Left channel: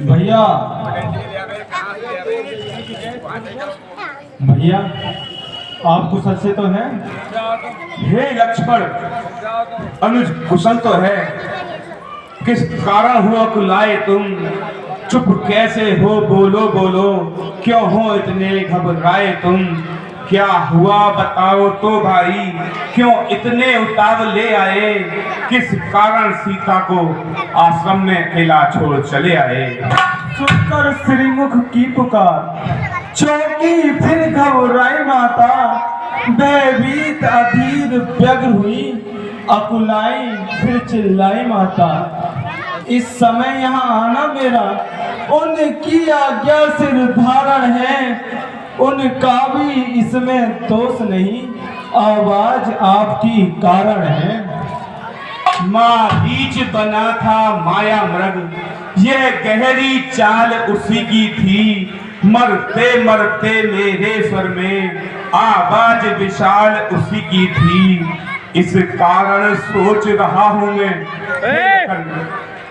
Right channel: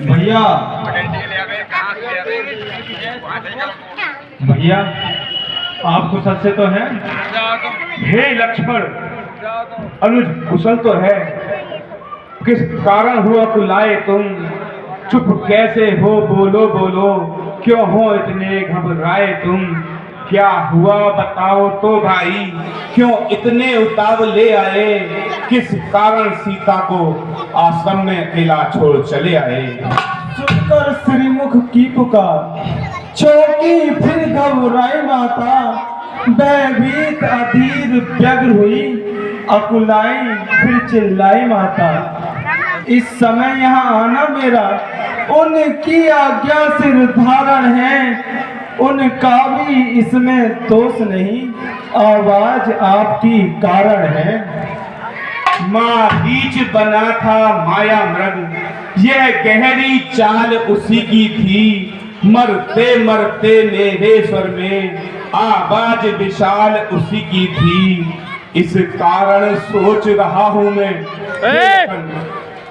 भैया भैया आप कुशल से तो हैं? हे लक्ष्मण, अनुज कुशल तो है। किस कारण हुआ कुलाए तुम? चुप कैसे हो? बोलो बोलो, क्यों हो इतने घबराए तुम? क्या हुआ बताओ तो भाई, क्यों इतने उतावले आए? किस कारण सीता को आश्रम में अकेला छोड़ चले आए? सुनकर श्रीमुख की पुकार चौकी फिर घबराई माता, भयभीत अधीर व्यग्र हुई, अकुलाई फिर चिल्लाई माता। इस समय यहाँ आना मेरा उनकी आज्ञा से निर्धारण है, उनका भी इसमें दोष नहीं, आवाज आपकी कारण है। माँ बीच बना था माया मृग, यह गहरी चाल उसी की थी। मरते मरते मेरे स्वर में आवाज विशाल उसी की थी। इस कारण सोच रहा हूँ मैं,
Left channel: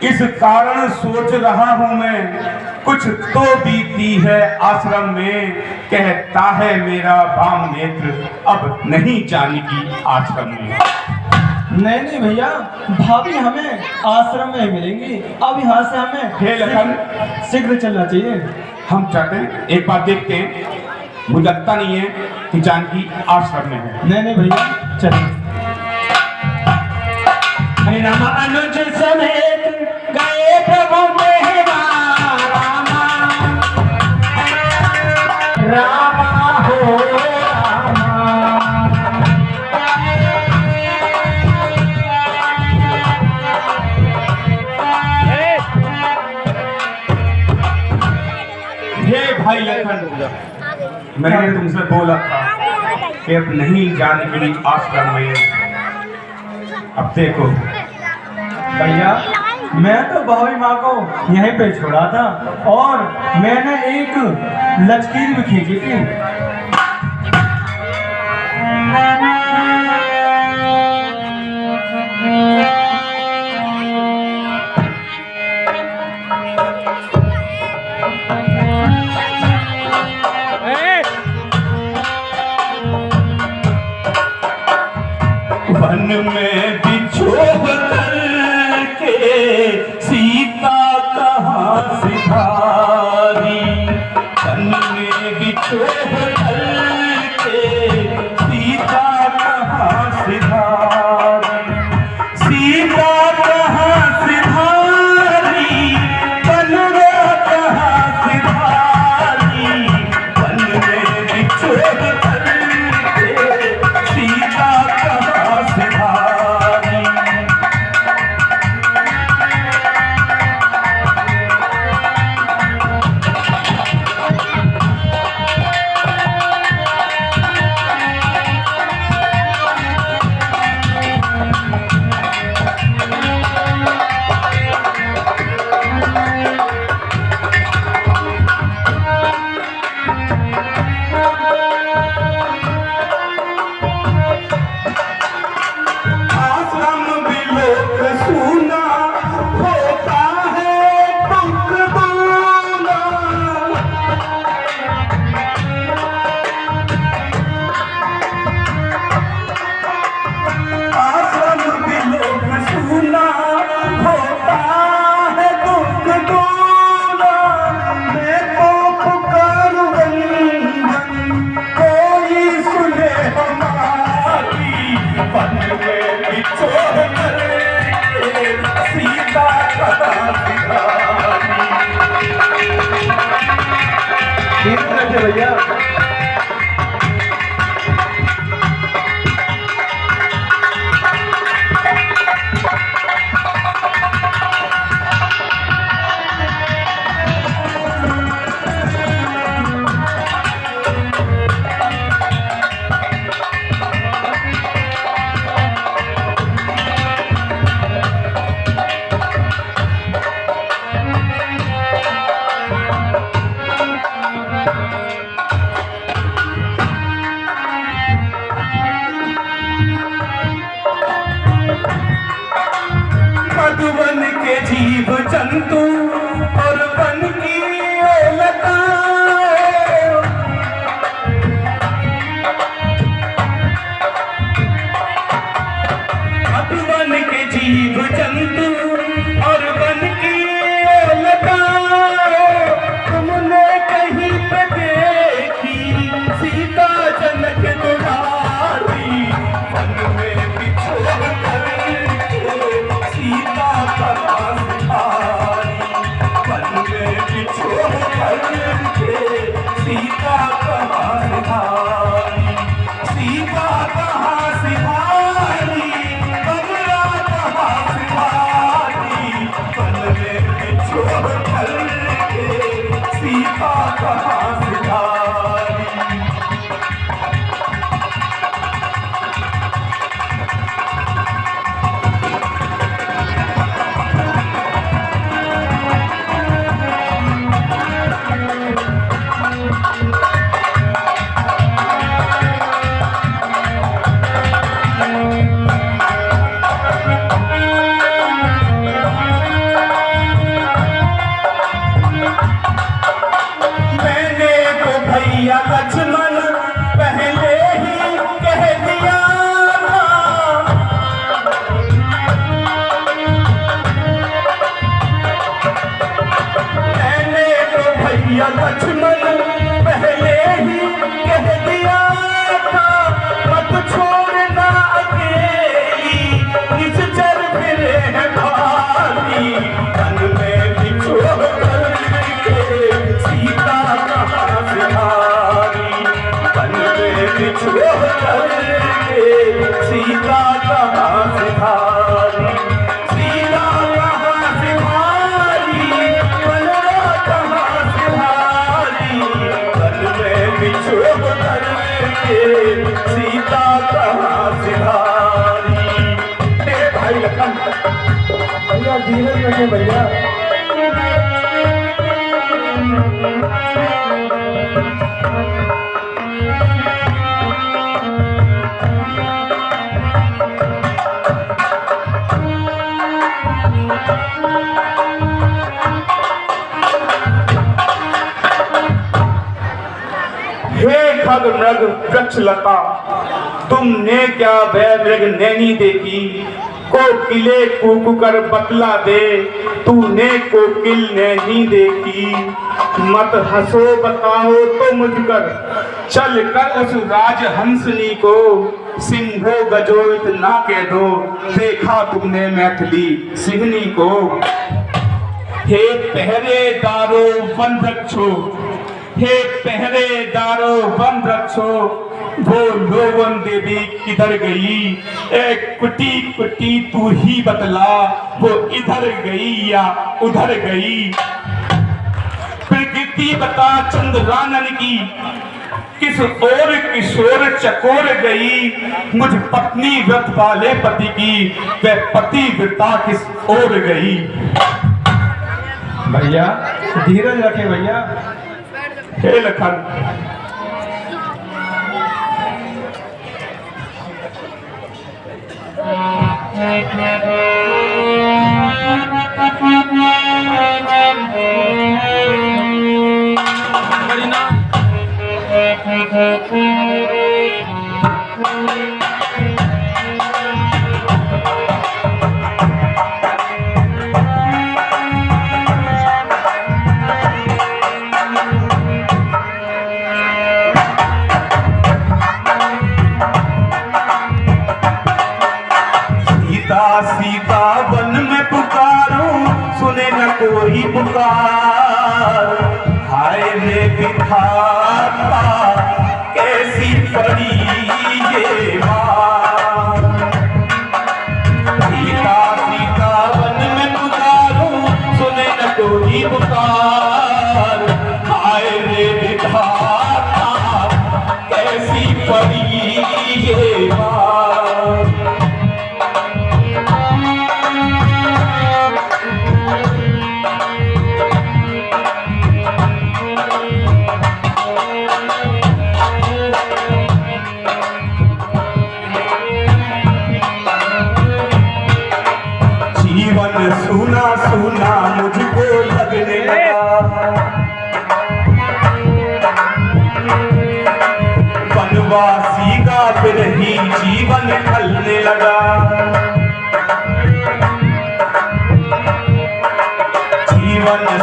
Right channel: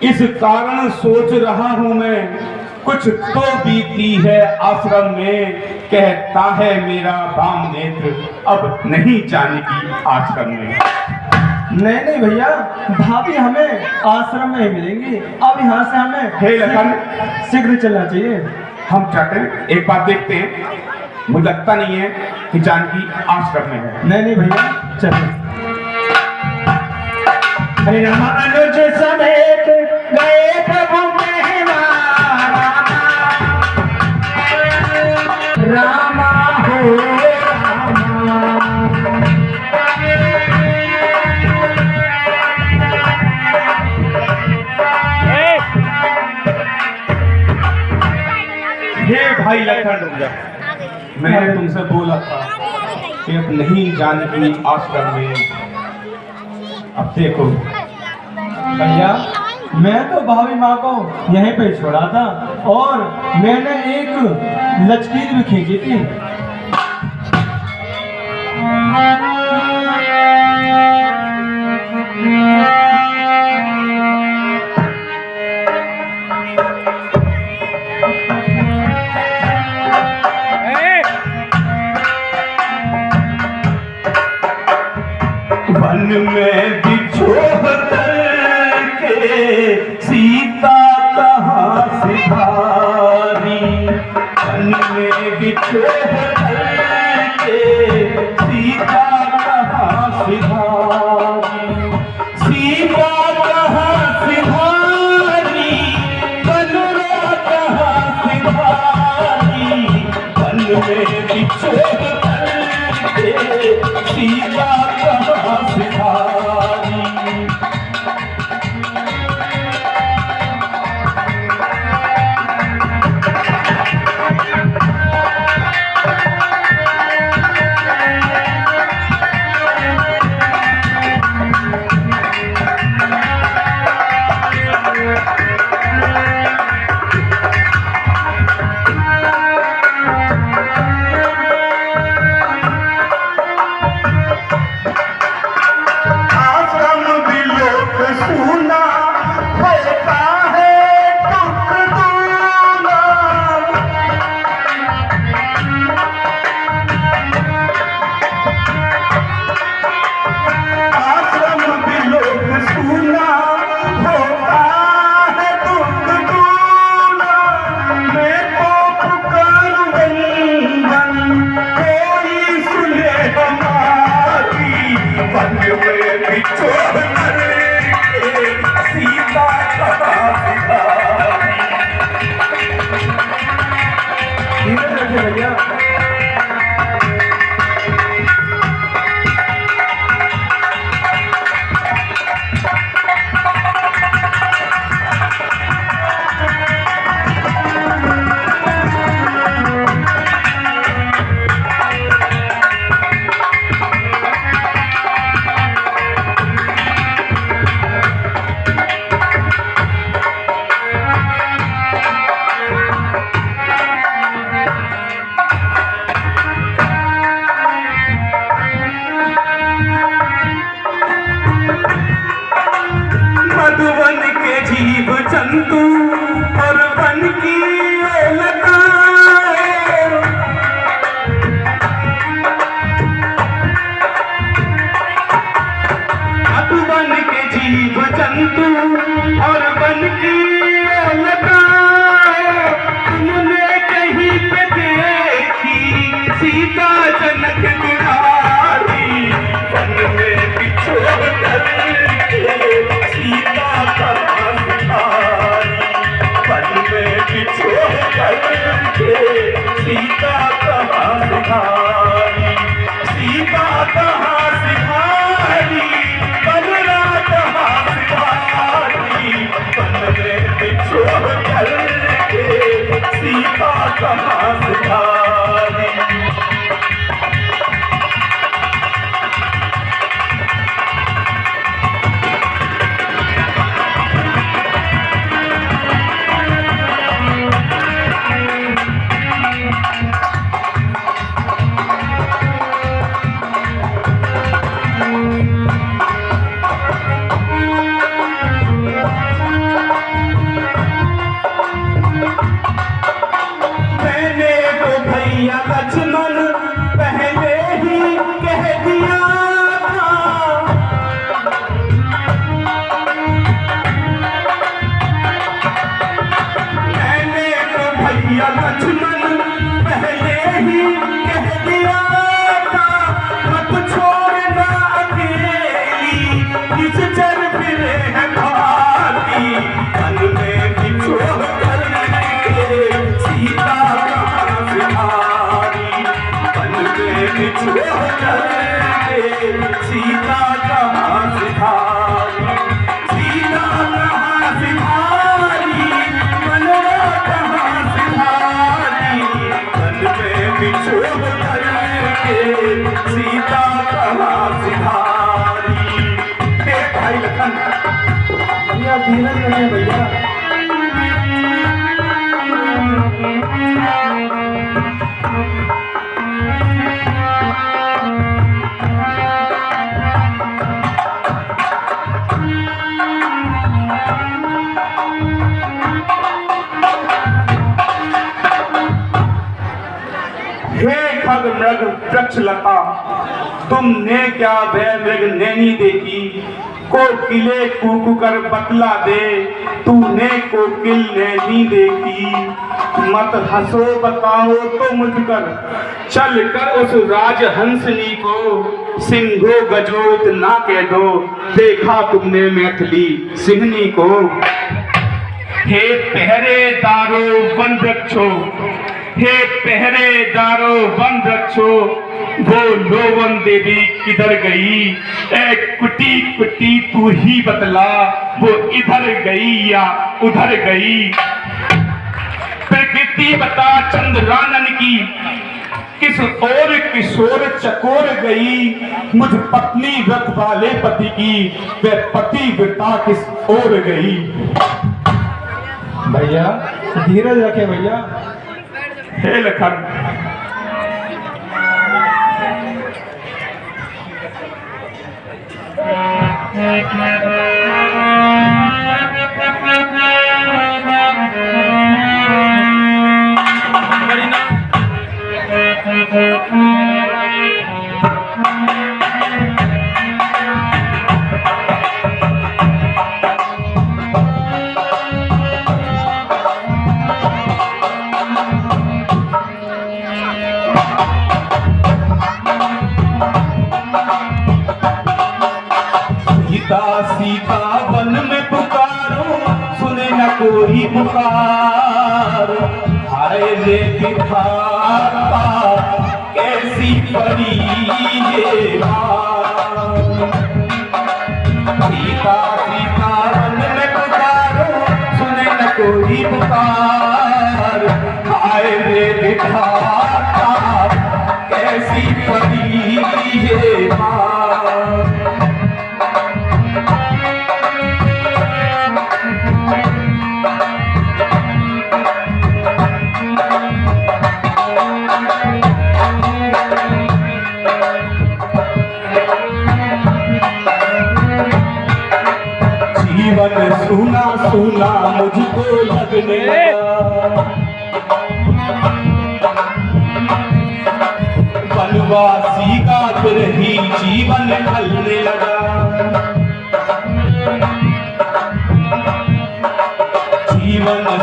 इस कारण सोच रहा हूँ मैं, कुछ तो बीती है आश्रम में। कहता है मेरा वाम नेत्र, अब नहीं जाने की आश्रम में। नहीं नहीं भैया, भाभी हमें आश्रम में ही मिलेंगी। अब यहाँ से हमें हे लखन, शीघ्र चलना चाहिए। हम चाहते हैं एक बार देखते हैं। मुझे लगता नहीं है कि जानकी आश्रम में है। नहीं नहीं भैया चलो। अनुज समेत गए प्रभु मेहमान, रामा हो भाई लखन, मैंने तुमसे बोला था कि अब नहीं जानकी आश्रम में। अब देखो भैया, मैं तो भाभी माँ को यहीं पे छोड़ा था और मैंने एक लकीर भी खींची थी। वन में बिछोह करके सीता कहाँ सिधारी? वन में बिछोह करके सीता कहाँ सिधारी? सीता कहाँ सिधारी? बनवा कहाँ सिधारी? वन में बिछोह करके सीता कहाँ सिधारी? आश्रम बिलोक सूना होता है दुख दूना। आश्रम बिलोक सूना होता है दुख दूना। मैं तो पुकारूं वंदन, कोई सुने हमारी। वन में बिछोह करके सीता कहाँ सिधारी? धीरे रखे भैया। मधुबन के जीव जंतु और बचपन की लताएं, अब बन के जीव जंतु और बन की लताएं, तुमने कहीं पे देखी सीता जनक दुलारी, वन में बिछोड़ करके सीता का सिधारी, वन में बिछोड़ करके सीता का सिधारी, सीता कहाँ सिधारी, बलरा कहाँ सिधारी, वन में बिछोड़ करके सीता कहाँ सिधारी। मैंने तो भैया लक्ष्मण पहले ही कह दिया था, मैंने तो भैया लक्ष्मण पहले ही कह दिया था, अब छोड़ना अकेली किस चल फिरे है भाती, तन में बिछोड़ करके सीता कहाँ सिधारी, तन में बिछोड़ करके सीता कहाँ सिधारी, सीता कहाँ सिधारी, बलरा कहाँ सिधारी, तन में बिछोड़ करके सीता कहाँ सिधारी। हे भाई लखन, भैया धीरज रखे भैया। हे खग मृग वृक्ष लता, तुमने क्या वह मृग नैनी देखी, कोकिले कूक कर बतला दे, तूने कोकिल नैनी देखी, मत हंसो बताओ तो मुझकर, चल कर उस राज हंसली को, सिंहो गजोत ना कह दो, देखा तुमने मैथिली सिंहनी को। हे पहरेदारों वन वृक्षो, हे पहरेदारों वन वृक्षो, वो लोवन देवी किधर गई, ए कुटी कुटी तू ही बतला, वो इधर गई या उधर गई। प्रकृति बता चंद्रानन की, किस ओर किशोर चकोर गई, मुझ पत्नी व्रत वाले पति की, वह पति व्रता किस ओर गई। भैया धीरज रखे भैया। हे लखन, सीता वन में पुकारूं, सुने न कोई पुकार, हाय रे विधाता कैसी परी ये माँ। सीता सीता वन में पुकारूं, सुने न कोई पुकार, हाय रे विधाता कैसी परी ये माँ। जीवन सुना सुना मुझको लगने लगा,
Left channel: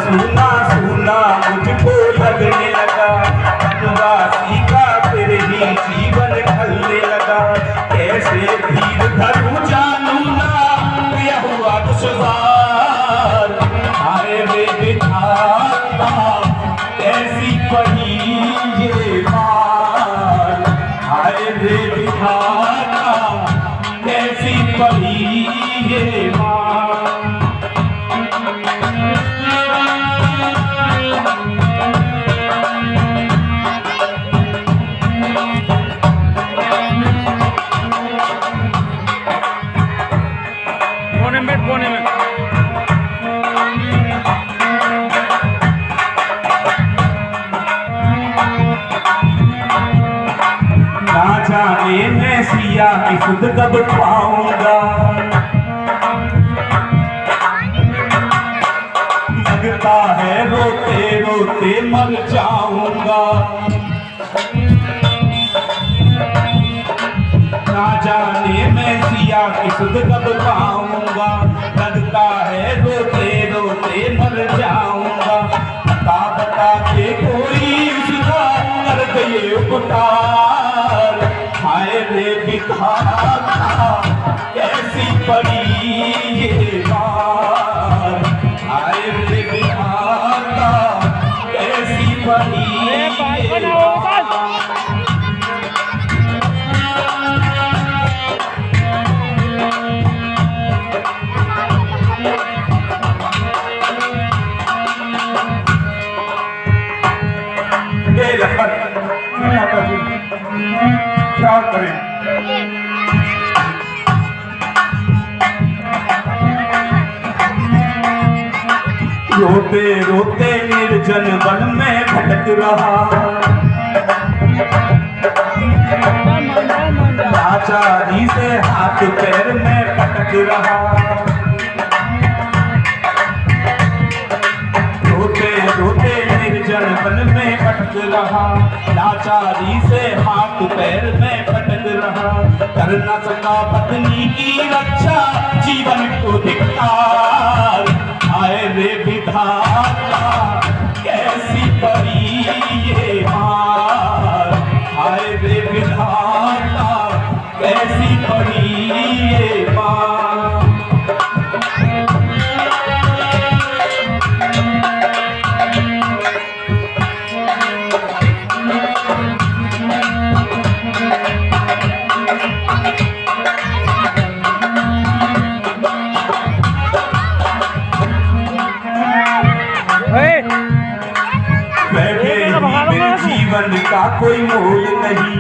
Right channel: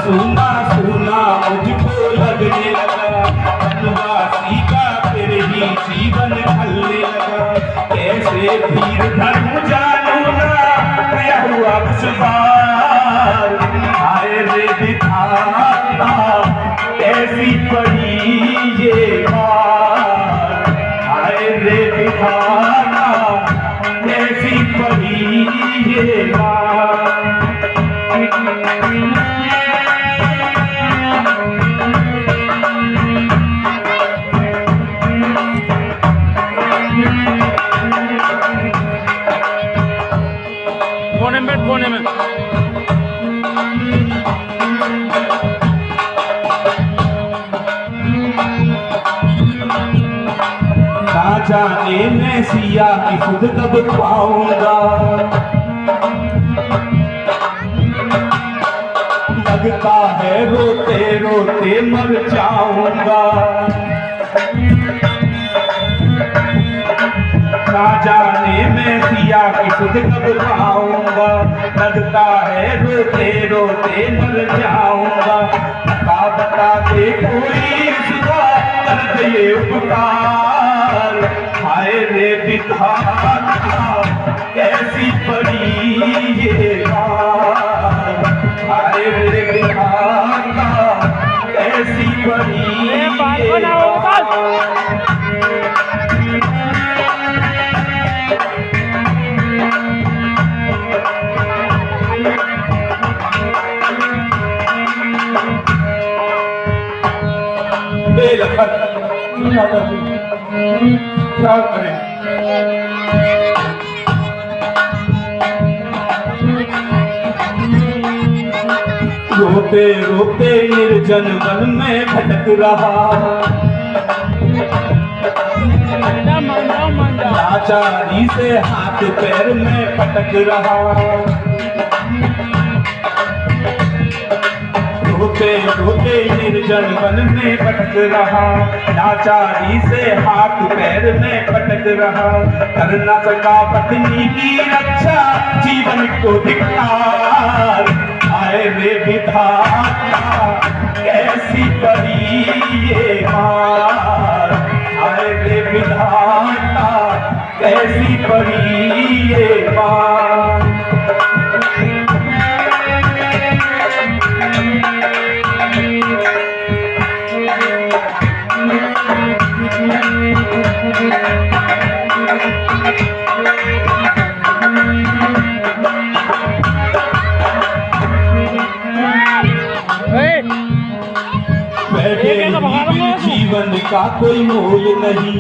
सूना सूना मुझको लगने लगा, वनवासी का फिर ही जीवन ढलने लगा। कैसे धीर धरूं जानू ना यह हुआ दुश्वार, हाय रे विधाता कैसी पड़ी ये मार, हाय रे विधाता कैसी पड़ी ये मार। कोने में कोने में ना जाने मैं सिया की सुध कब पाऊंगा, लगता है रोते रोते मर जाऊंगा। ना जाने मैं सिया की सुध कब पाऊंगा, लगता है रोते रोते मर जाऊंगा। बता बता के कोई उसका कर दे उपकार, हाय रे विधाता कैसी पड़ी ये मार, हाय रे विधाता कैसी पड़ी अरे बात को ना हो बता। लखन क्या करें, रोते रोते निर्जन वन में भटक रहा, लाचारी से हाथ पैर में भटक रहा। रोते रोते निर्जन वन में भटक रहा, लाचारी से हाथ पैर में भटक रहा। कर न सका पत्नी की रक्षा, जीवन को धिक्कार, आए रे विधाता कैसी पड़ी ये मार, आए रे विधाता कैसी पड़ी ये मार। जीवन का कोई मोल नहीं,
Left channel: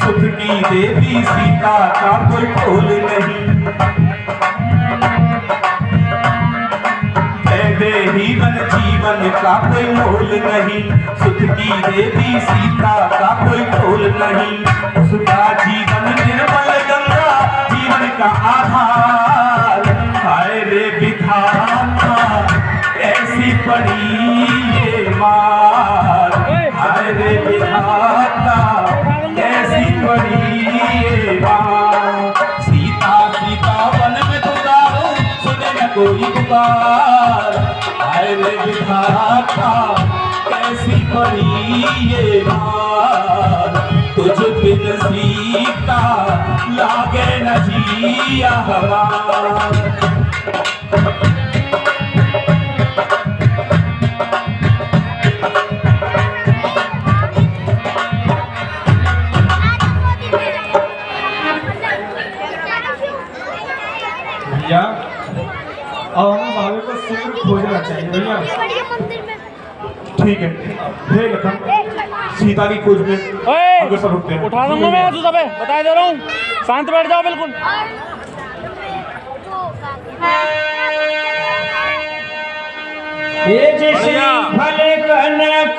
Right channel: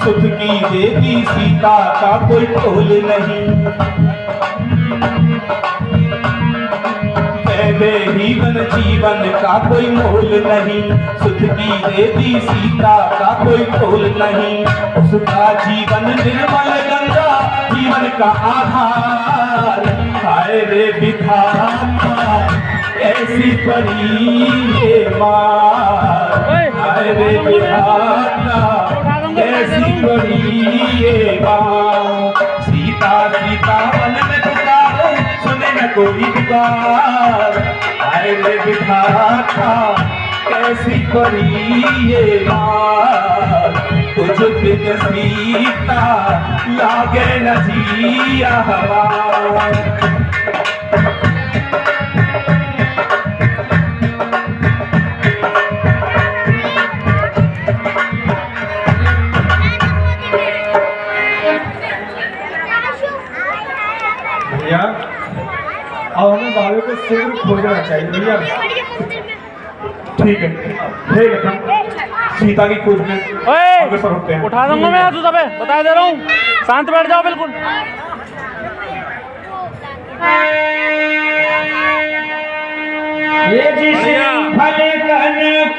सुख की देवी सीता का कोई तोल नहीं। जीवन का कोई मोल नहीं, सुख की देवी सीता का कोई तोल नहीं। उसका जीवन निर्मल गंगा जीवन का आधार, हाय रे विधाता ऐसी पड़ी ये मार, हाय रे विधाता ऐसी पड़ी ये मार। सीता सीता वन में पुकारो सुने न कोई पुकार, हाय रे विधाता ऐसी पड़ी ये मार। तुझ बिन सीता लागे न जिया हवा। भैया और भाभी को सूर्य खोजना चाहिए भैया। ठीक है, हे लखन सीता की खोज में अग्रसर होते हैं। उठा दूंगा मैं तू सबे, बता दे रहा हूँ, शांत बैठ जाओ बिल्कुल। ये जिसे भले कनक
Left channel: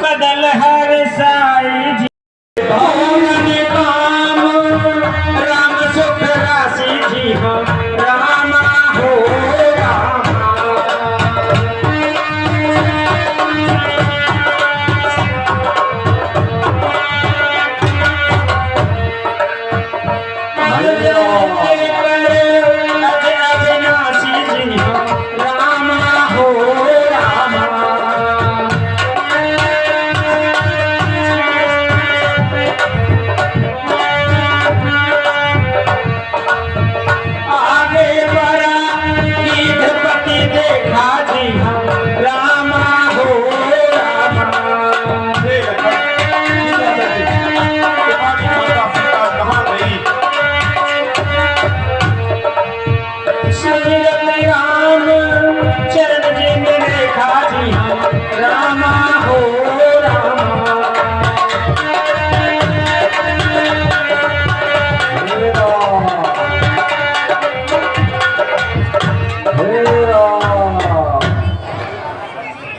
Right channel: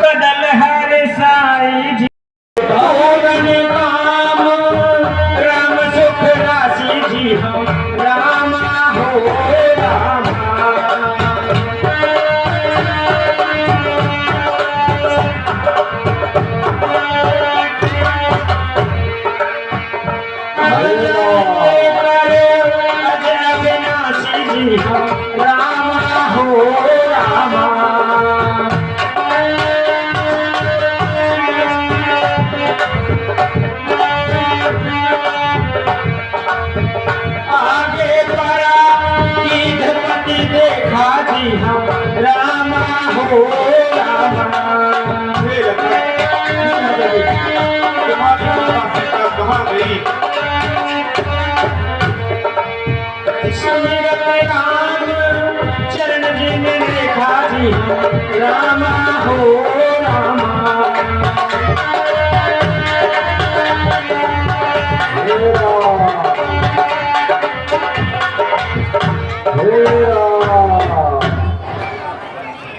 कदल हर साई जी राम राम सुख राशि जी हम राम हो राम।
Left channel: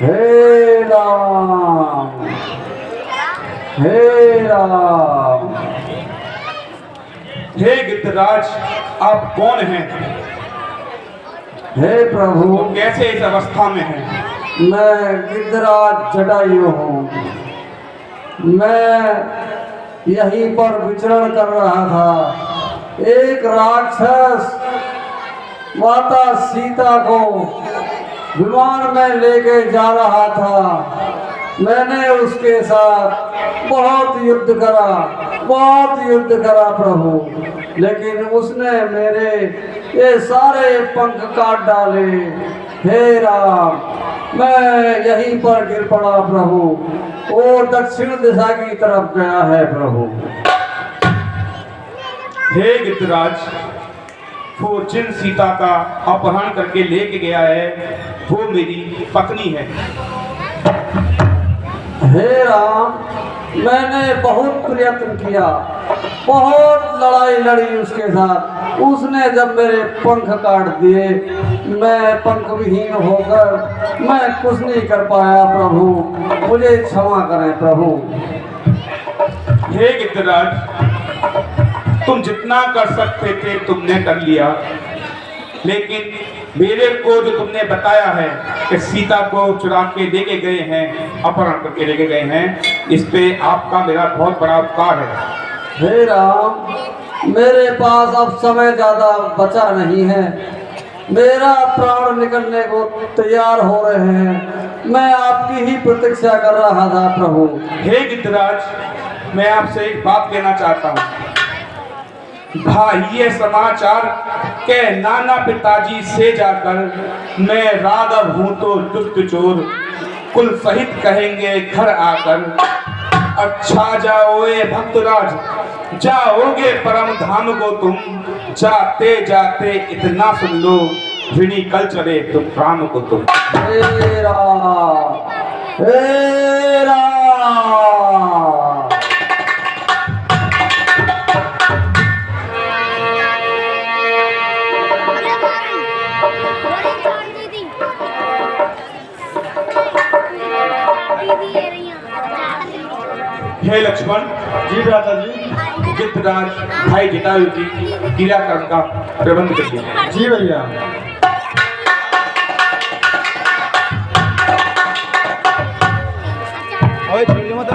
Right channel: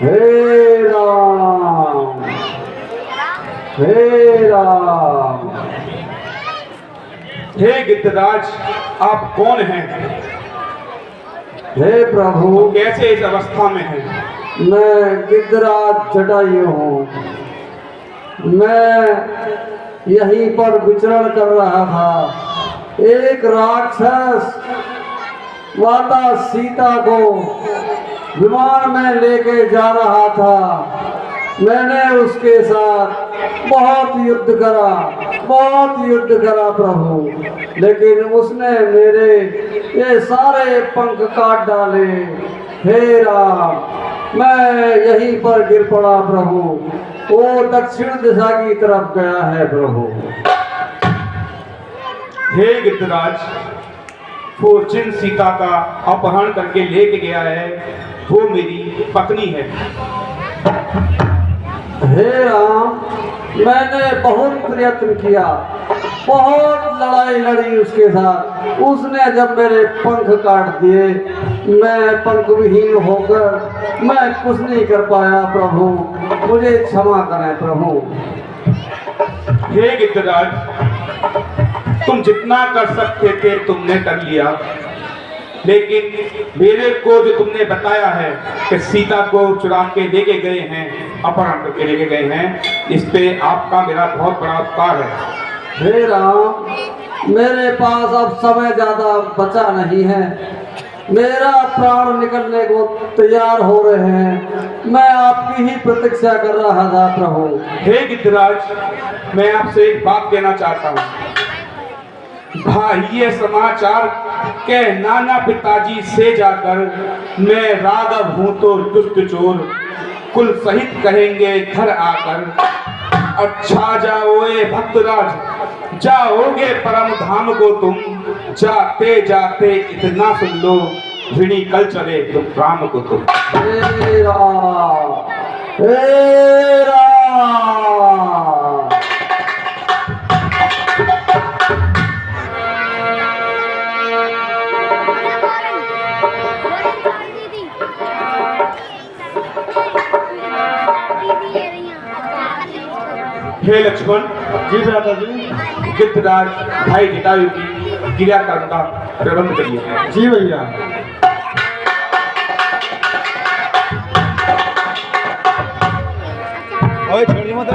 हे राम, हे राम। हे गिद्धराज, आप कौन हैं? हे प्रभु, कैसे इस अवस्था में हैं? मैं गिद्धराज जटायु हूँ। मैं यहीं पर विचरण कर रहा था। एक राक्षस माता सीता को विमान में लेके जा रहा था। मैंने उसके साथ बहुत युद्ध करा प्रभु, लेकिन उसने मेरे ये सारे पंख काट डाले। हे राम, मैं यहीं पर गिर पड़ा प्रभु। वो दक्षिण दिशा की तरफ गया है प्रभु। हे गिद्धराज, वो जिन सीता का अपहरण करके लेके गया है वो मेरी पत्नी है। हे राम, मैंने बहुत प्रयत्न किया, बहुत लड़ाई लड़ी उसके साथ। उसने जब मेरे पंख काट दिए, मैं पंख विहीन होकर मैं कुछ नहीं कर पाया प्रभु। मुझे क्षमा करें प्रभु। हे गिद्धराज, तुम जितना कर सकते थे तुमने कर लिया, लेकिन मेरे को जो तुमने बताया है कि सीता को चुरा के लेके गए हैं, अपहरण करके लेके गए हैं, इस पे आपका मेरा बहुत बड़ा उपकार है। हे राम, मेरे पास अब समय ज्यादा बचा नहीं है। मेरा प्राण निकलने को तैयार हो रहे हैं। मैं आपकी ही प्रतीक्षा कर रहा था प्रभु। हे गिद्धराज, मैं आपसे एक बात कहना चाहता हूँ। भाई ये समाचार के नाना पिताजी से जाकर मैं राघव हूँ तो दुष्ट चोर, कुल सहित कहेंगे घर आकर। अच्छा जाओए भक्तराज, जाओगे परम धाम को तुम। जाते जाते इतना सुन लो, ऋणी कल चले तो प्राण को तुम। हे राम, हे राम। हे लक्ष्मण जी भ्राता जी। गिद्धराज भाई जटायु की क्रियाक्रम का प्रबंध करिए। जी भैया। ओए छोड़िए मत।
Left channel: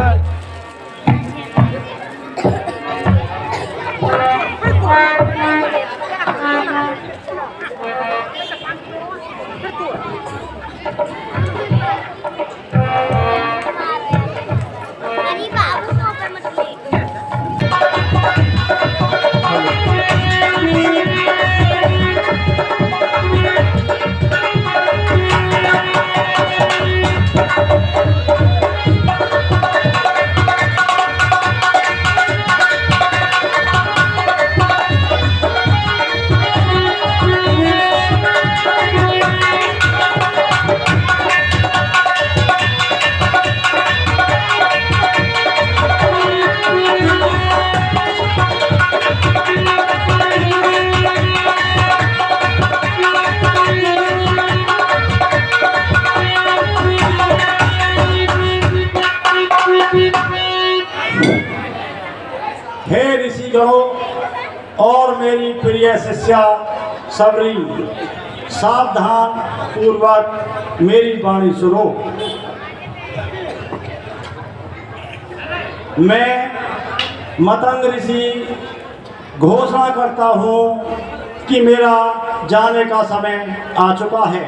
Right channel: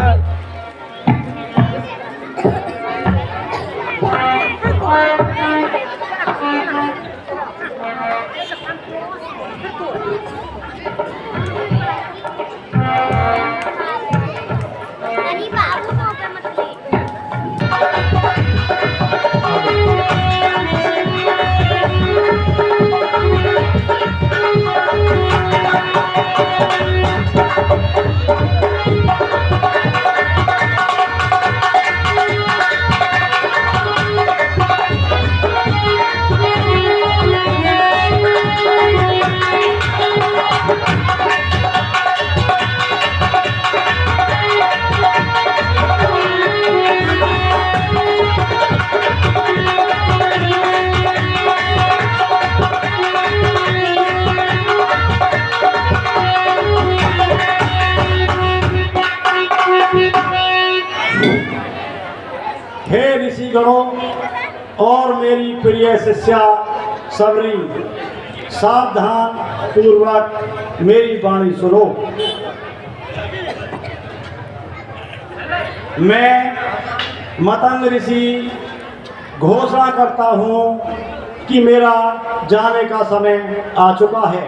अरे बाबू वहाँ पे मत ले। हे ऋषिगणों और मेरी प्रिय शिष्या सबरी, सावधान पूर्वक मेरी वाणी सुनो। मैं मतंग ऋषि घोषणा करता हूँ कि मेरा जाने का समय आ चुका है।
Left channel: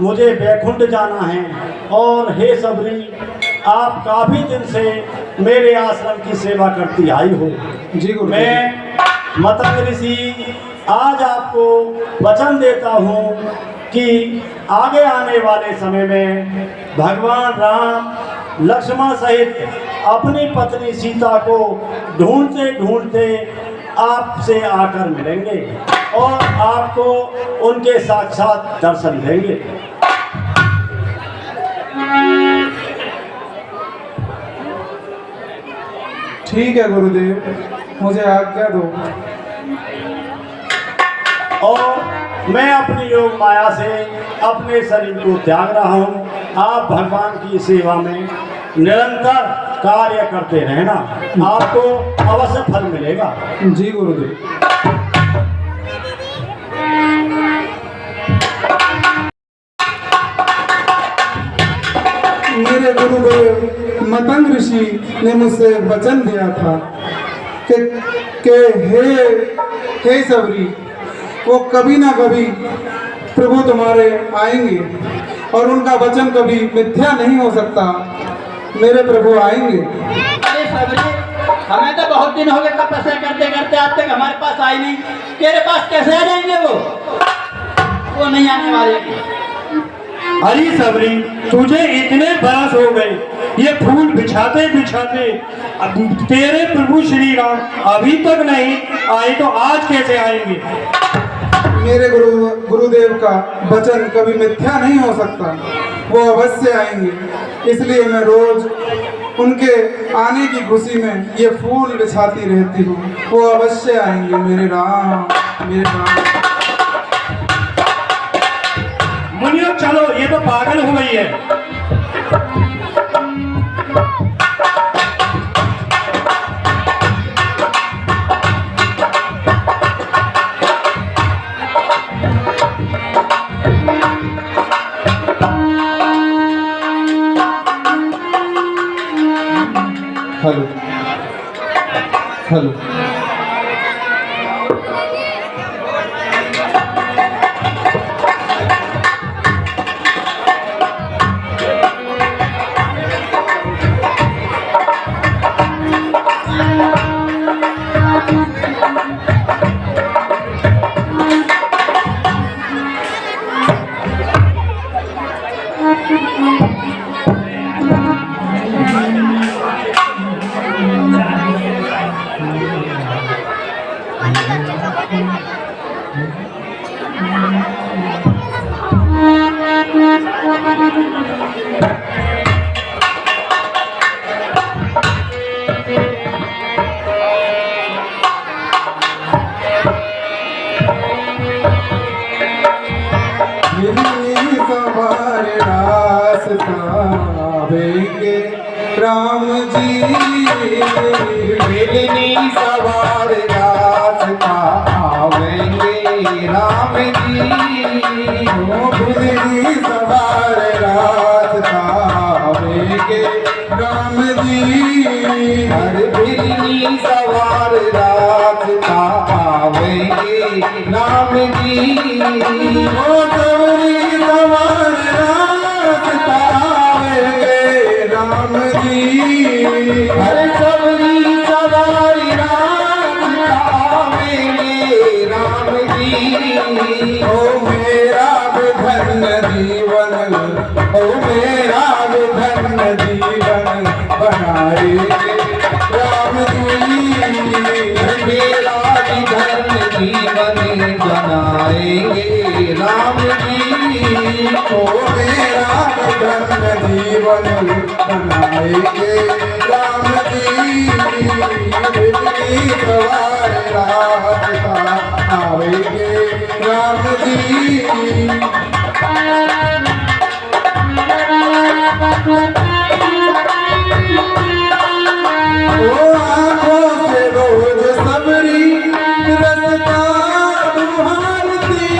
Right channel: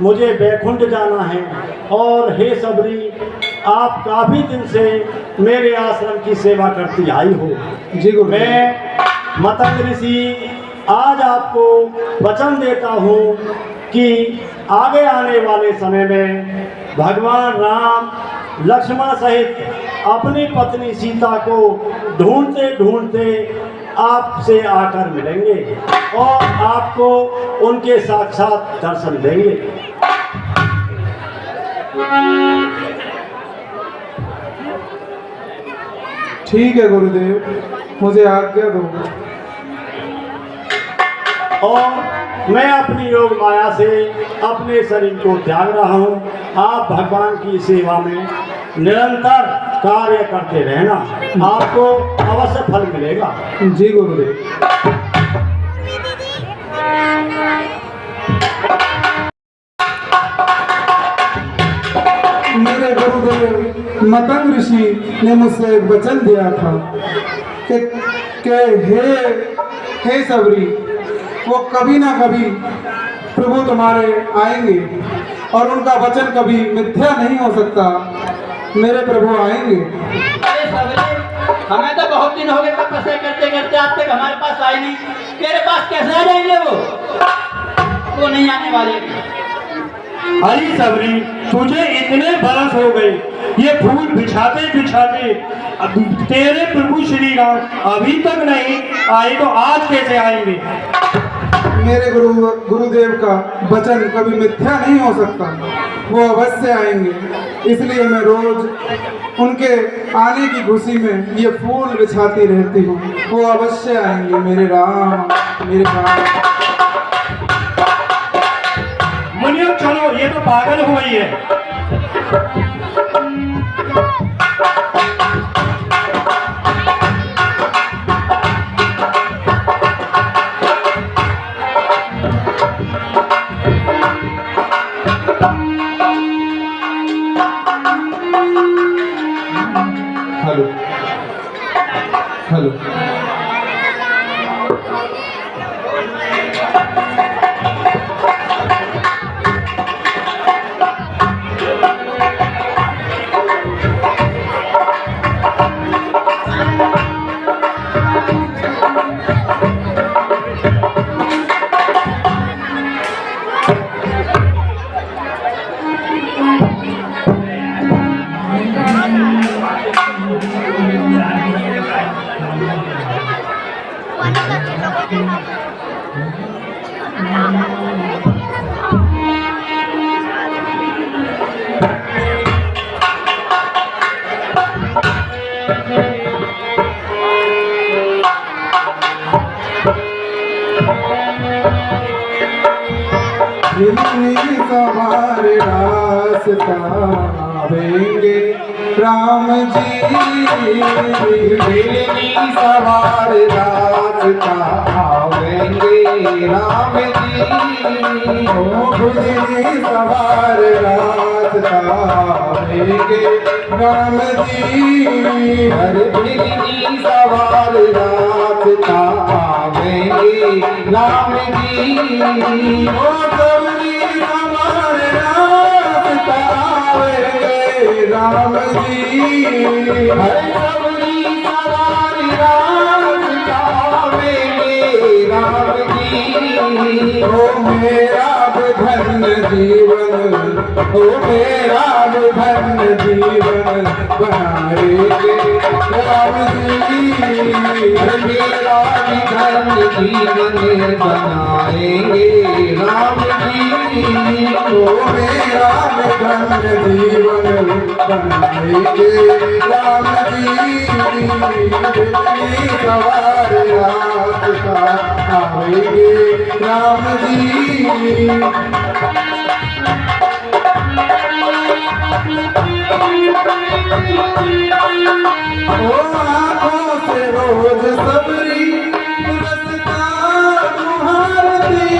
मुझे बैकुंठ जाना है। और हे सबरी, आप काफी दिन से मेरे आश्रम की सेवा करती आई हो। जी गुरु। मैं मतंग ऋषि आज आपको वचन देता हूँ कि आगे आने वाले समय में भगवान राम लक्ष्मण सहित अपनी पत्नी सीता को ढूंढते ढूंढते आपसे आकर मिलेंगे और आपको उनके साक्षात दर्शन देंगे। ठीक है गुरुदेव, मुझे आज्ञा दो। और मैं अपनी लोक माया से अपने शरीर को त्याग रहा हूँ। आप भगवान की सेवा में निरंतर कार्य करते रहना, आपको अवश्य फल मिलेगा। जी गुरुदेव। मेरे गुरुदेव मतंग ऋषि ने मुझसे वचन दिया था कि हे सबरी, वो कभी ना कभी प्रभु तुम्हारे आएंगे और उनका वचन कभी मिथ्या नहीं हो सकता। मेरे प्रभु आएंगे। अरे सबरी, हमें तो बहुत दिन हो गए तपस्या करते करते, आज तक हमारे पास आए नहीं। तेरे पास कैसे आ जाएंगे वो नहीं आने वाले। अरे सबरी, तुझे इतने बरस हो गए ये फूल बिछाते बिछाते, तेरे प्रभु श्री राम अभी तक नहीं आए तो आज कैसे आएंगे? मेरे गुरुदेव का वचन कभी मिथ्या नहीं हो सकता, वो अवश्य आएंगे। इसलिए मैं रोज उनके आने की खुशी में ये फूल बिछाती रहती हूँ। वो अवश्य आएंगे मेरे राम, मेरे राम। मुनियो चलो, ये तो पागल हो गई है। Hello hello. हमारे रास्ता आवेंगे राम जी, मिलनी सवार रास्ता आवेंगे राम जी। ओ मिलनी सवार रास्ता आवेंगे राम जी। हर मिलनी सवार रास्ता आवेंगे राम जी। ओ हरे सबरी सवारी राम आवेंगे राम जी। ओ मेरा धन्य जीवन, ओ मेरा धन्य जीवन बनाएंगे राम जी। मेरा धन्य जीवन बनाएंगे राम जी। ओ मेरा धन्य जीवन बनाएंगे राम जी। सवार रास्ता आवेंगे राम जी। ओ आँखों से रोज सबरी रस्ता दुहारती,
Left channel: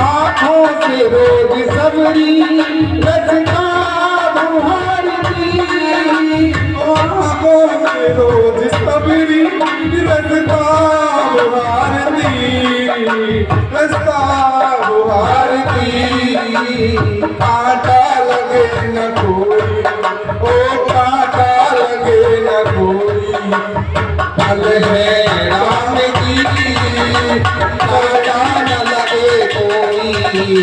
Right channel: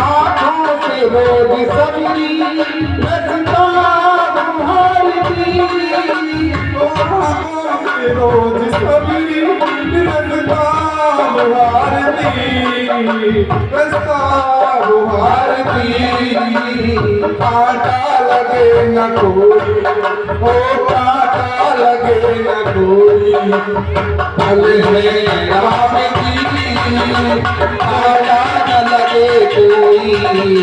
आँखों से रोज सबरी रस्ता दुहारती। ओ आँखों से रोज सबरी रस्ता दुहारती, रस्ता दुहारती। कांटा लगे न कोई, ओ कांटा लगे न कोई, फल है राम जी। कांटा न लगे कोई,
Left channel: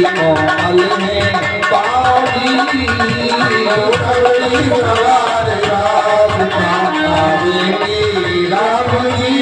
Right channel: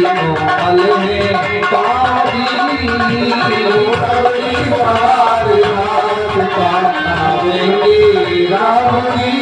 ओ फल में पावी। सबरी सवार रास्ता आवेंगे राम जी।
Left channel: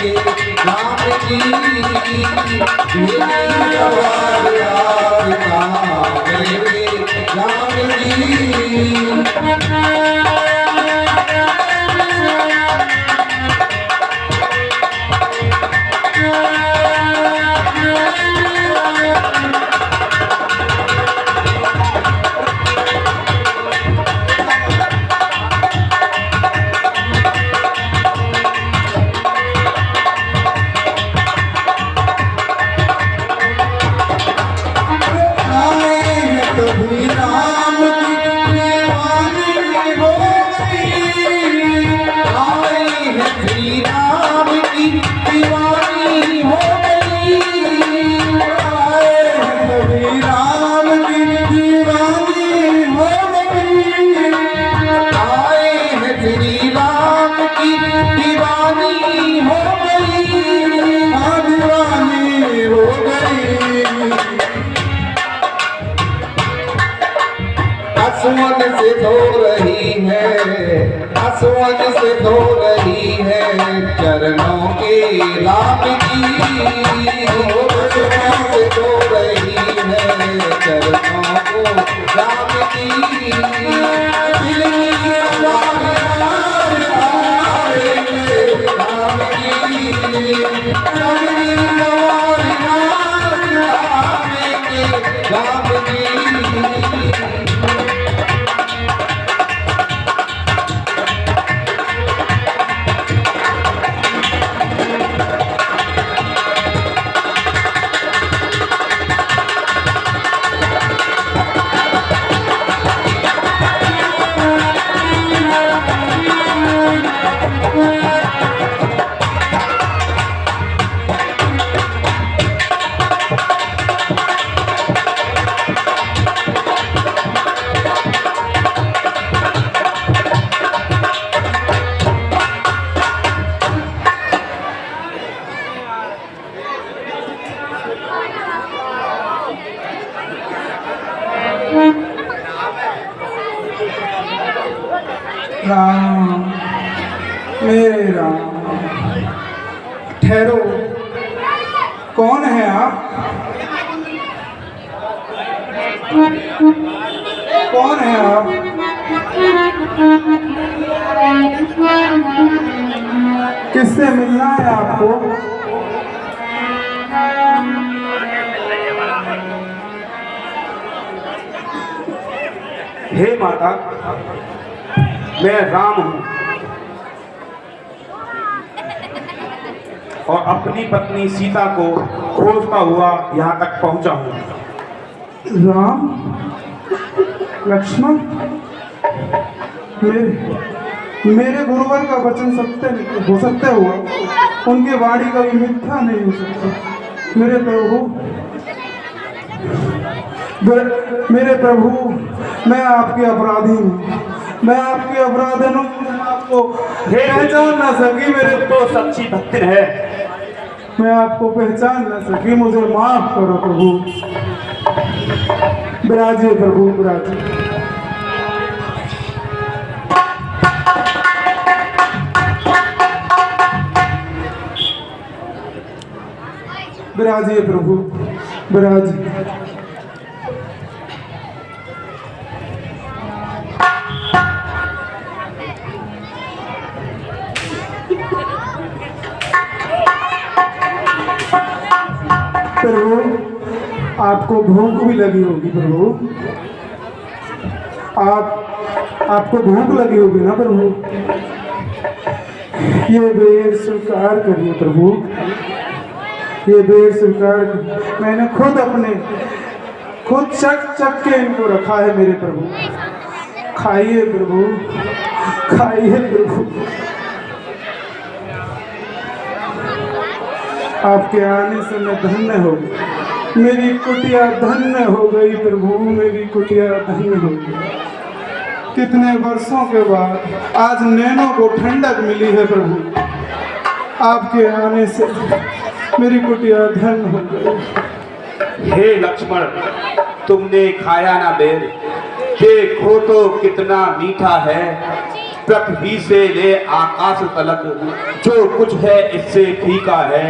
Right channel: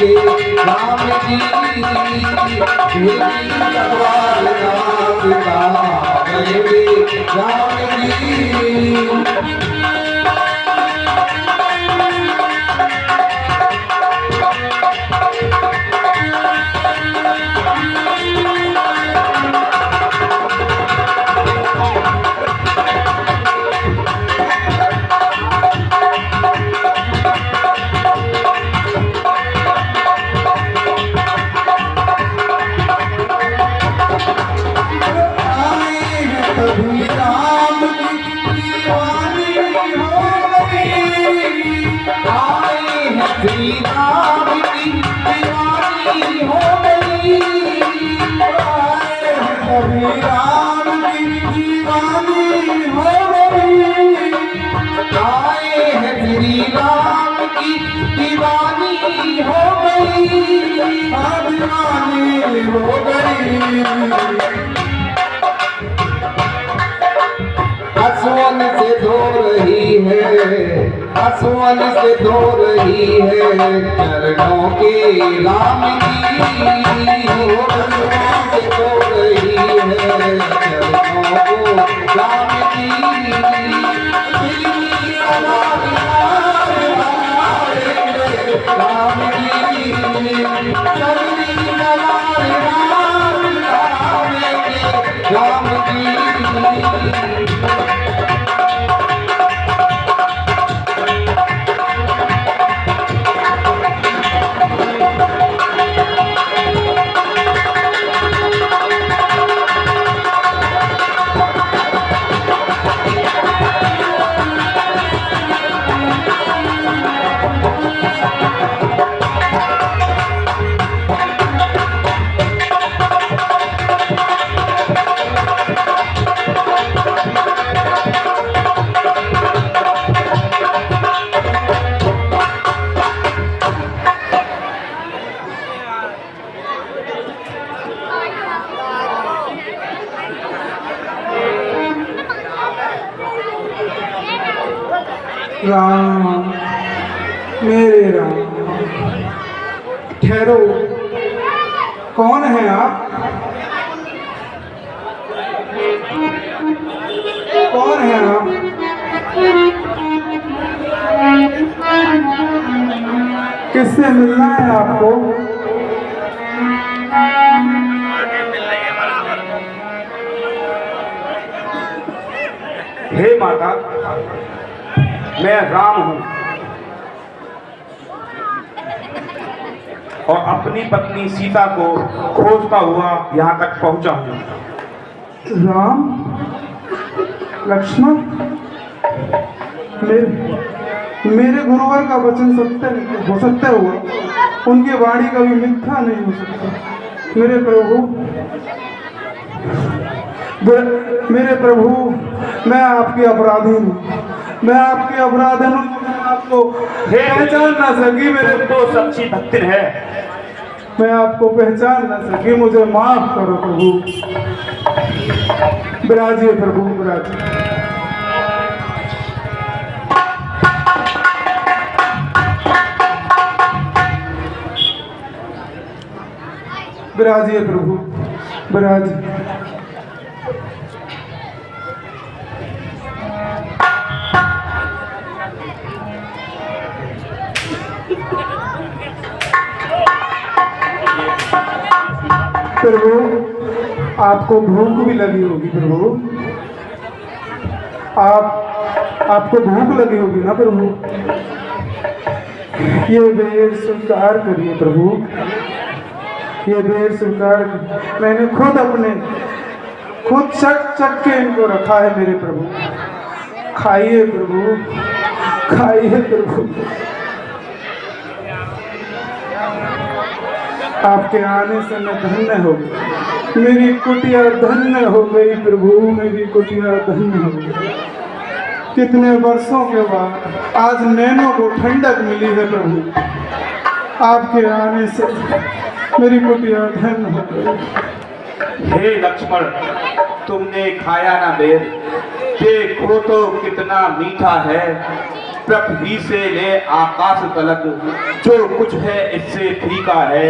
के राम जी भेजी तलवार राम गए राम जी। आसमान से धो रही है, आसमान से धो रही है चरणों के नाम की। आसमान से धो रही है चरणों को नाम की। दिल की नाम की राम की। राम, मेरे राम, ठहरो, कौन है आप? कौन है आप? किससे मिलना है आपको? हे माता, मैं राम हूं और अपनी पत्नी सीता को खोजता हुआ यहाँ तक पहुंचा हूं। राम, लक्ष्मण, मेरे गुरुवर का वचन सत्य हो सकता हो, उनकी वाणी कभी मिथ्या नहीं हो सकता। मेरे प्रभु, मैं आपकी अपराधी हूँ, मैं आपकी अपराधन हूँ, आपको पहचान ना सकी। मेरे तो सच्ची भक्ति है। मैं आपको पहचान ना सकी, मुझे माफ करो प्रभु। विराजिए प्रभु, विराजिए। विराजिए प्रभु, विराजिए। प्रभु, आपको भूख भी लगी होगी प्रभु, आपको भूख लगी होगी ना प्रभु। ये बेर स्वीकार करिए प्रभु, ये बेर स्वीकार। मैंने खुद चक के इनको रखा है मेरे प्रभु। खाइए प्रभु, खाइए प्रभु। आपके आने से मैं धन्य हो गई, मेरी कुटिया धन्य हो गई प्रभु, मेरी कुटिया धन्य हो गई। कितने वर्षों के बाद आज नैनों को ठंडक मिली है प्रभु, आपके आने से मेरी कुटिया धन्य हो गई। हे लक्ष्मण, तुमने खाया ना बेर, देखो तो कितना मीठा है। पृथ्वी से ले आकाश तलक जो कुछ है इससे फीका है।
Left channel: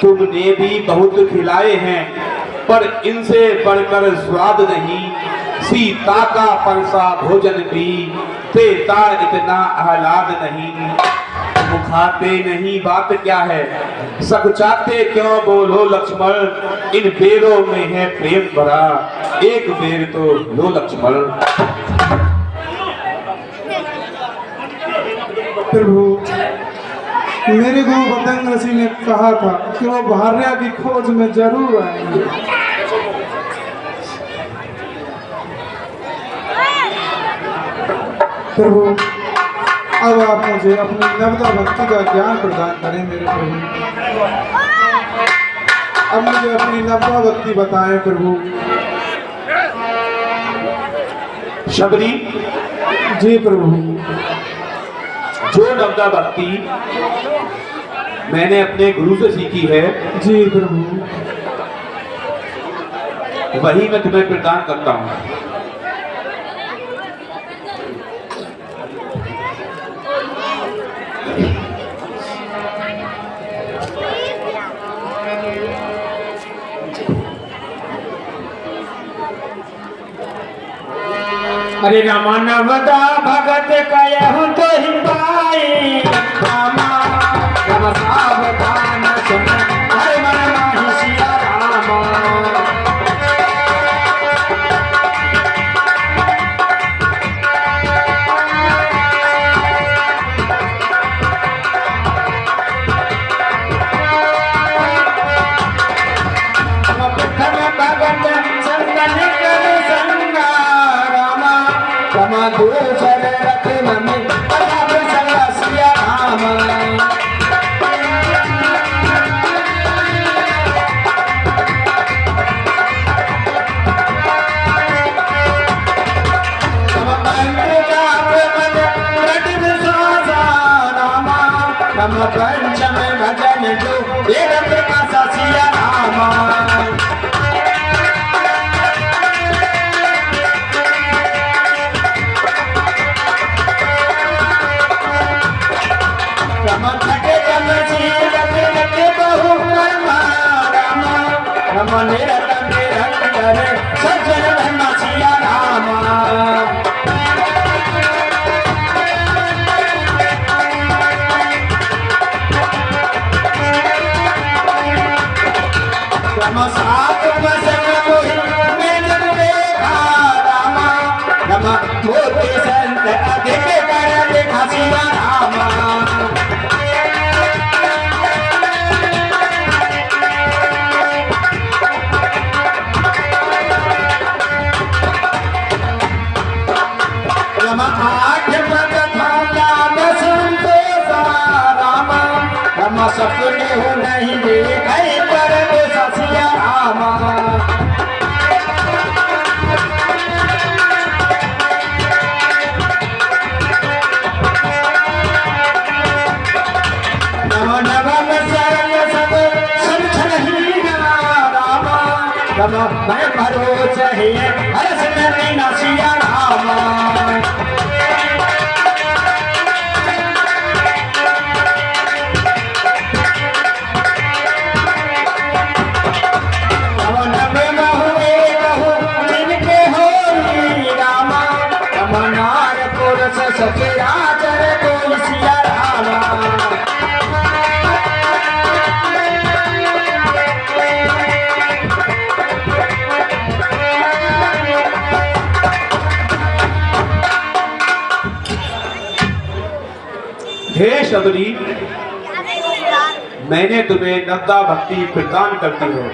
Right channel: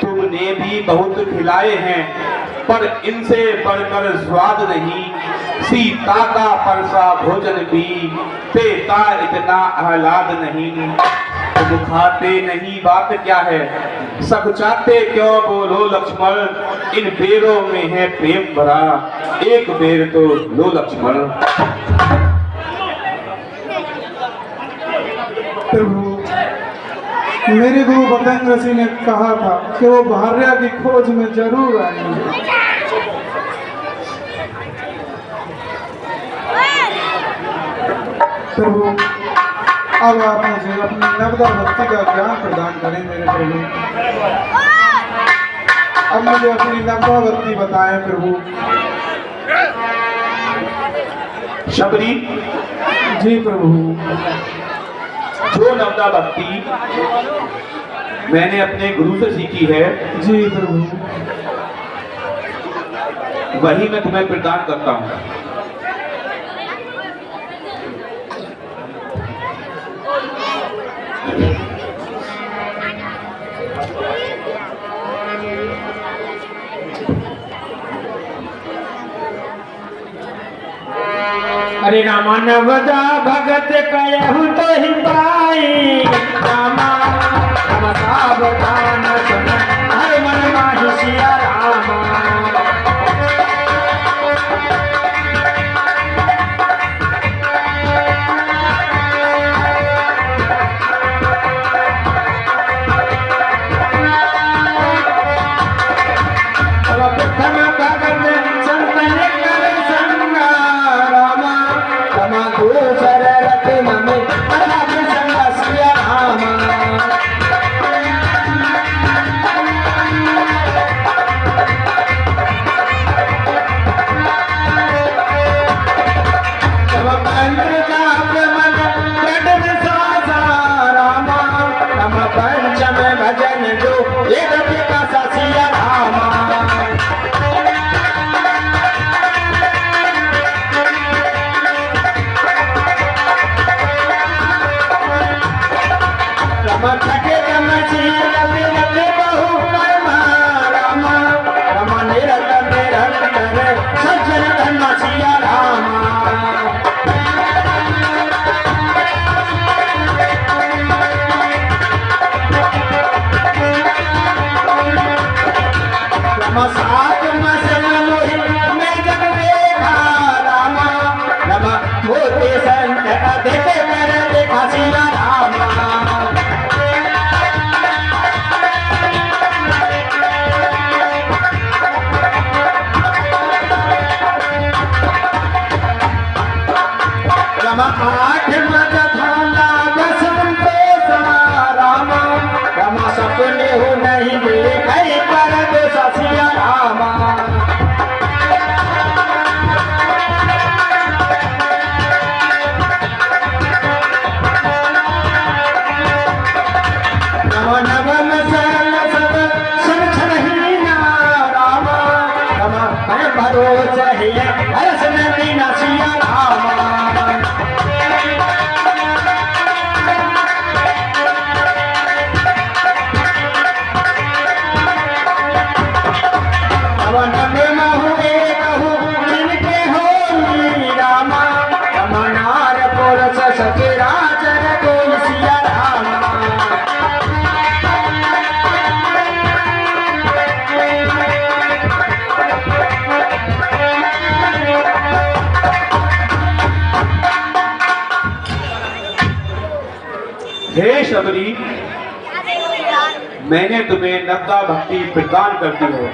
तुमने भी बहुत खिलाए हैं पर इनसे बढ़कर स्वाद नहीं। सीता का परसा भोजन भी देता इतना आह्लाद नहीं। तुम खाते नहीं बात क्या है, सकुचाते क्यों बोलो लक्ष्मण। इन बेरों में है प्रेम भरा, एक बेर तो लो लक्ष्मण। प्रभु, मेरे गुरु बतंग ऋषि ने कहा था कि वो भार्या की खोज में जरूर आएंगे। प्रभु, अब आप मुझे अपनी नवदा भक्ति का ज्ञान प्रदान करें मेरे प्रभु। अब मुझे अपनी नवदा भक्ति बताएं प्रभु। शबरी, जी प्रभु। जो नवदा भक्ति मैंने अपने गुरु से सीखी है, जी प्रभु। वही मैं तुम्हें प्रदान करता हूँ। अरे रामा नवदा भगत कहूँ तो हिंदाई रामा राम सावधान सुन हर मन माही सिया रामा। दूसर रत्न में अथाप संगा सिया रामा। तब पंच जाप मन दृढ़ विश्वासा रामा। तब पंचम भजन जो एक प्रकाशा सिया रामा। सज्जन धर्मा सिया रामा। सात वसन में जब देखा रामा। रमा मोते संत अधिक कर देखा सिया रामा। आठ मत थाला संतोषा रामा। रमा सपने हो नहीं देखे पर सिया रामा। नवम सरल सब समझहीना रामा। रमा मैं भरोस है हर्ष नदीना सिया रामा। सचराचर कोई सिया रामा। हे शबरी, मैंने तुम्हें नवदा भक्ति प्रदान कर दी है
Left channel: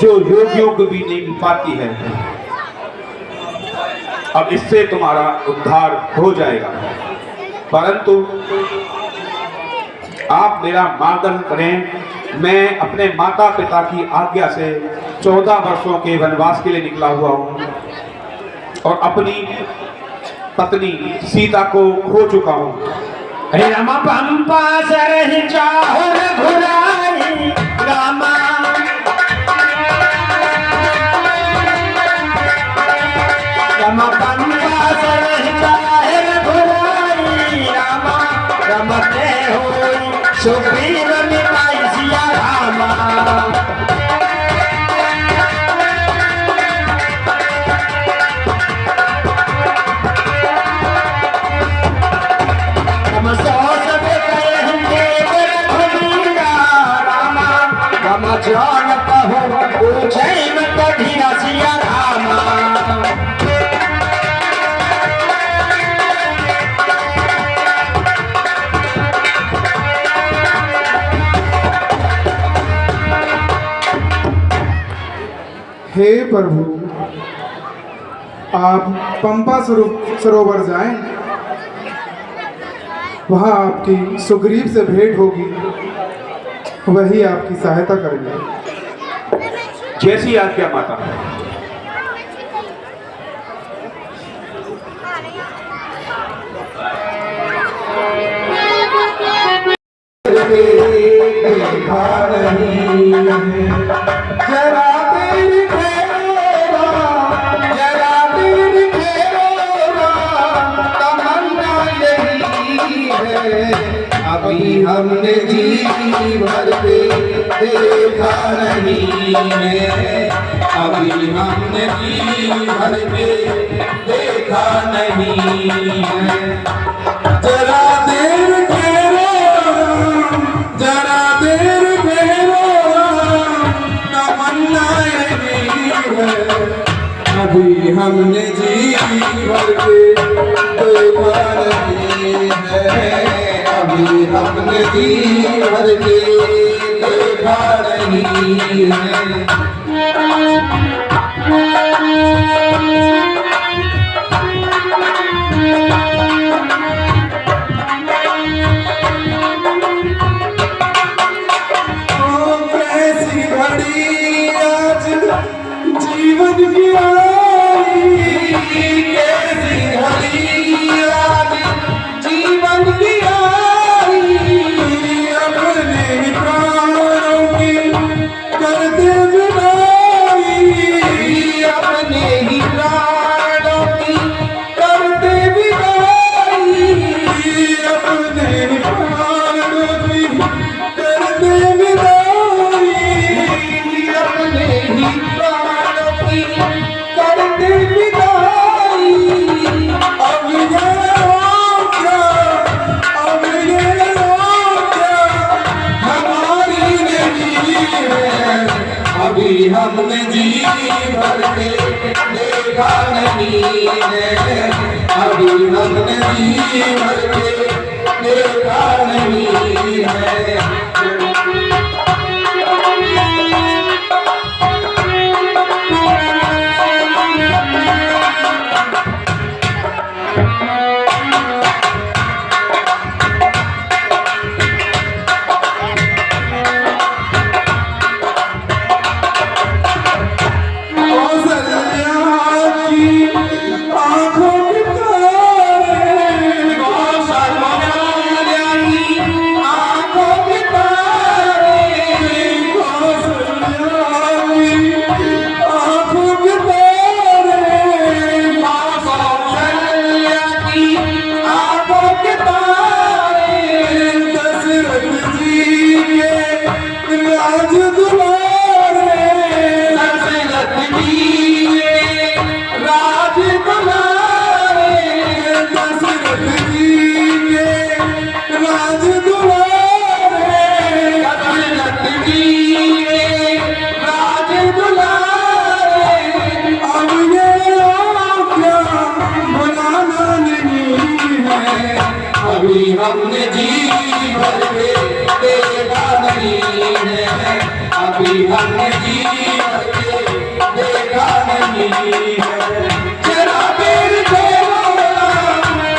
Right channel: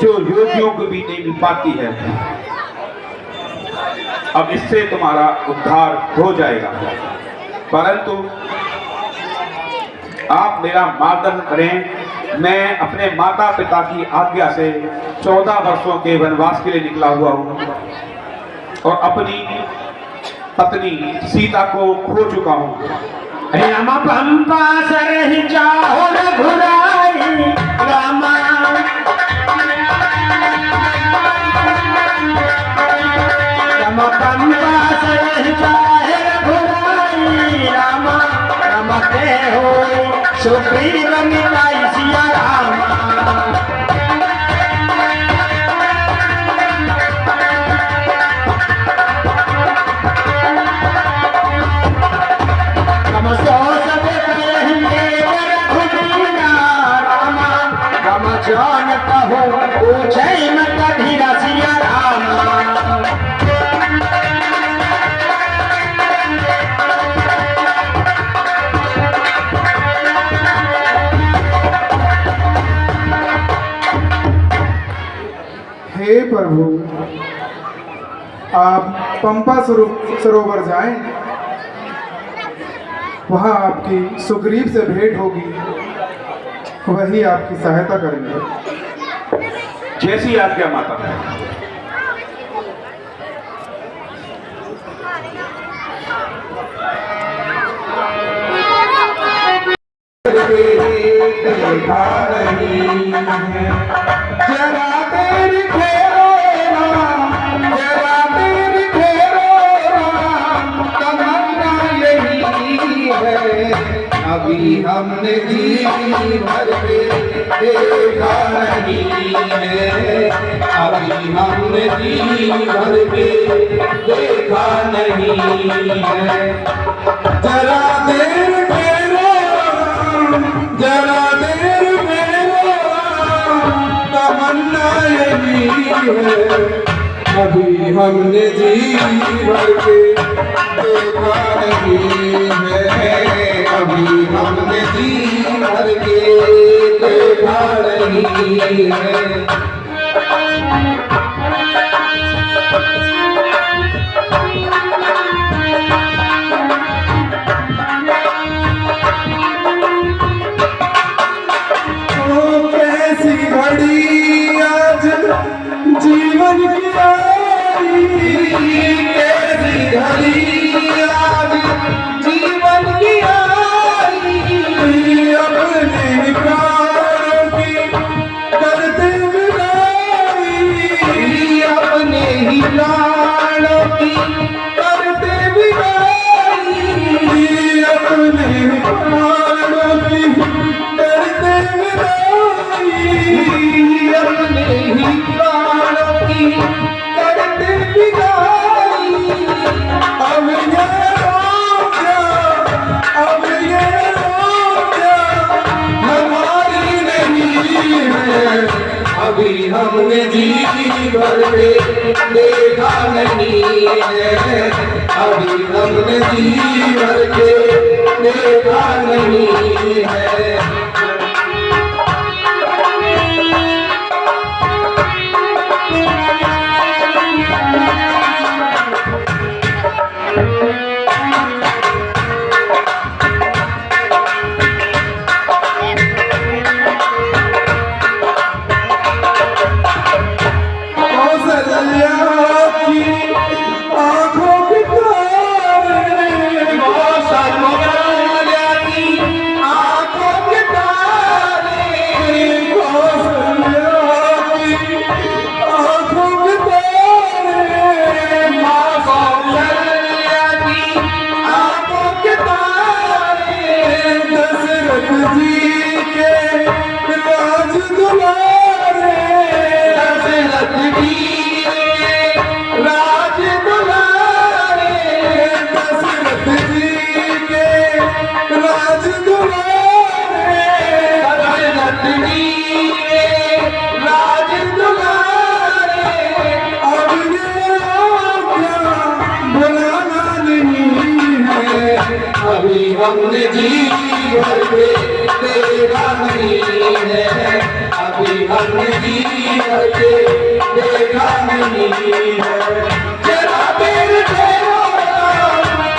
जो योगियों को भी नहीं मिल पाती है। अब इससे तुम्हारा उद्धार हो जाएगा, परंतु आप मेरा मार्गदर्शन करें। मैं अपने माता पिता की आज्ञा से 14 वर्षों के वनवास के लिए निकला हुआ हूँ और अपनी पत्नी सीता को खो चुका हूँ। रामा पंपा सरहि जाहो रघुराई रामा। रामा पंपा सरहि जाहे सुग्रीव निभाई सिया रामा हम सो सब कहेंगे रघुवीरा रामा हम जानता हो उज्जैन कभी रसिया रामा हे प्रभु, आप पंपा सरोवर जाएं, वहाँ आपकी सुग्रीव से भेंट होगी, वही आपकी सहायता करेंगे। जैसी आज्ञा माता। देखा नहीं जरा तेरी फेरा जरा तेरी फेरा तमन्ना यही है अभी हमने जी भर के देखा नहीं है अभी हमने जी भर के देखा नहीं है जरा देर फेरो जरा देर फेरो तमन्ना यही है अभी हमने जी भर के देखा नहीं है अभी हमने जी भर के देखा नहीं है जीवन की जीवन की अपने प्राणों की करते विदाई अपने ही प्राणों की करते विदाई अपने ही प्राणों की करते विदाई अपने ही प्राणों की करते विदाई अब ये रोजा अब ये रोजा हमारी नहीं है अभी हमने जी भर के देखा नहीं है अभी हमने जी भर के देखा नहीं है अभी हमने जी भर के देखा नहीं है अभी हमने जी भर के देखा नहीं है जरा देर ठहरो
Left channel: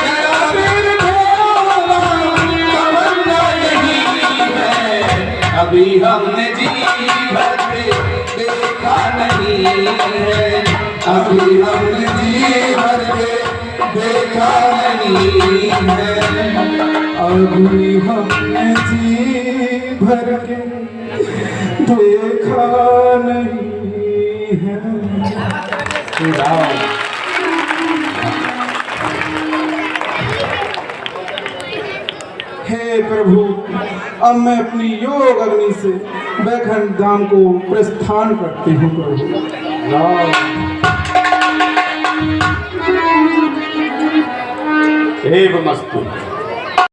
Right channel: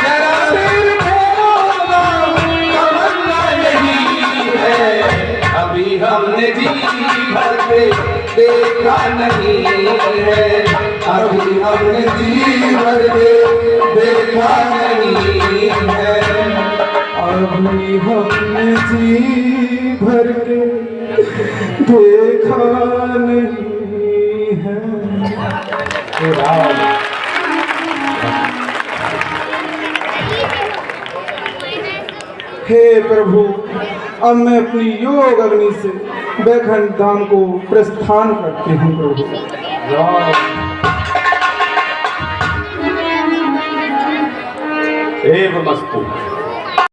जरा देर ठहरो तमन्ना यही है अभी हमने जी भर के देखा नहीं है अभी हमने जी भर के देखा नहीं है अभी हमने जी भर के देखा नहीं है। हे प्रभु, अब मैं अपनी योग अग्नि से बैकुंठ धाम को प्रस्थान करती हूँ प्रभु। एवमस्तु।